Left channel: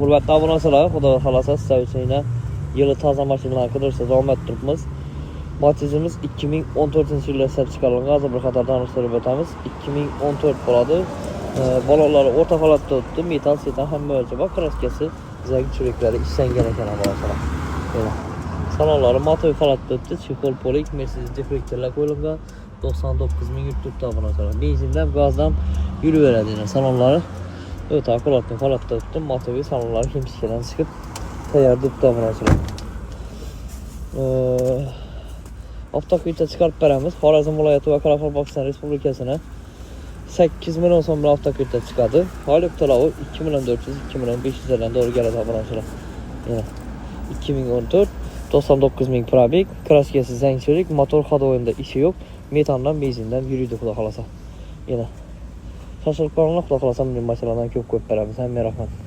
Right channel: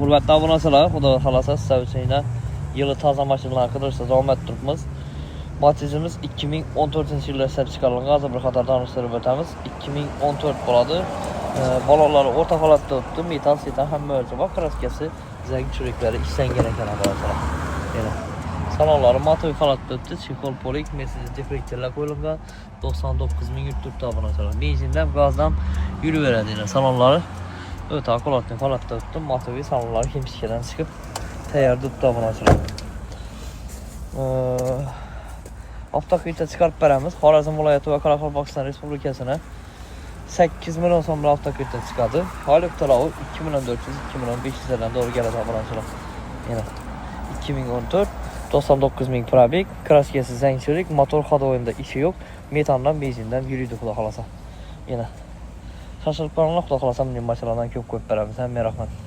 Hürmetli aboneçiler, Xudo xolasa sizlar uchun yana yılı taza maşinalar qidirishda davom ettiribmiz. Matizimiz 2014-yilda ishlab chiqarilgan. Hozir bir qator tanishtirib o'tamiz. 2014 bo'ladi. Baloqlari o'rta holatda o'tdi. Metal setan hamma o'lcha bor. Kraskasi, zang churiklari ishlangan ekan aslida. Salonlari motor holatda o'tdi. Chexol polik, Mercedes deflektorlar qo'yilgan. 99 ming yurtda obunachilar. Benzindan, gazdan yuraveradi yana salonlari. O'ta holatda o'tdi. Motoviy salonlari kemtishkadan chiqib tayyor turibdi obunachilar. Avtokuyda chiqarib beramiz. Xorazm viloyati va Qoraqalpog'iston Respublikasini 8 million so'm bilan avtokuyda chiqadi. Oylik to'lovi 2 million 400, 2 million 500 dan doğru keladi obunachilar. Yana 2014 99 ming probeg, kraskasi zangchilik, motor xodoyimda ishi yo'q, metandan, benzindan yuriydi xudo xolasa. Yana shoshilib qolinglar, xudo xolasa bunday mashinalardan ko'p beramiz. Hamma rahmat.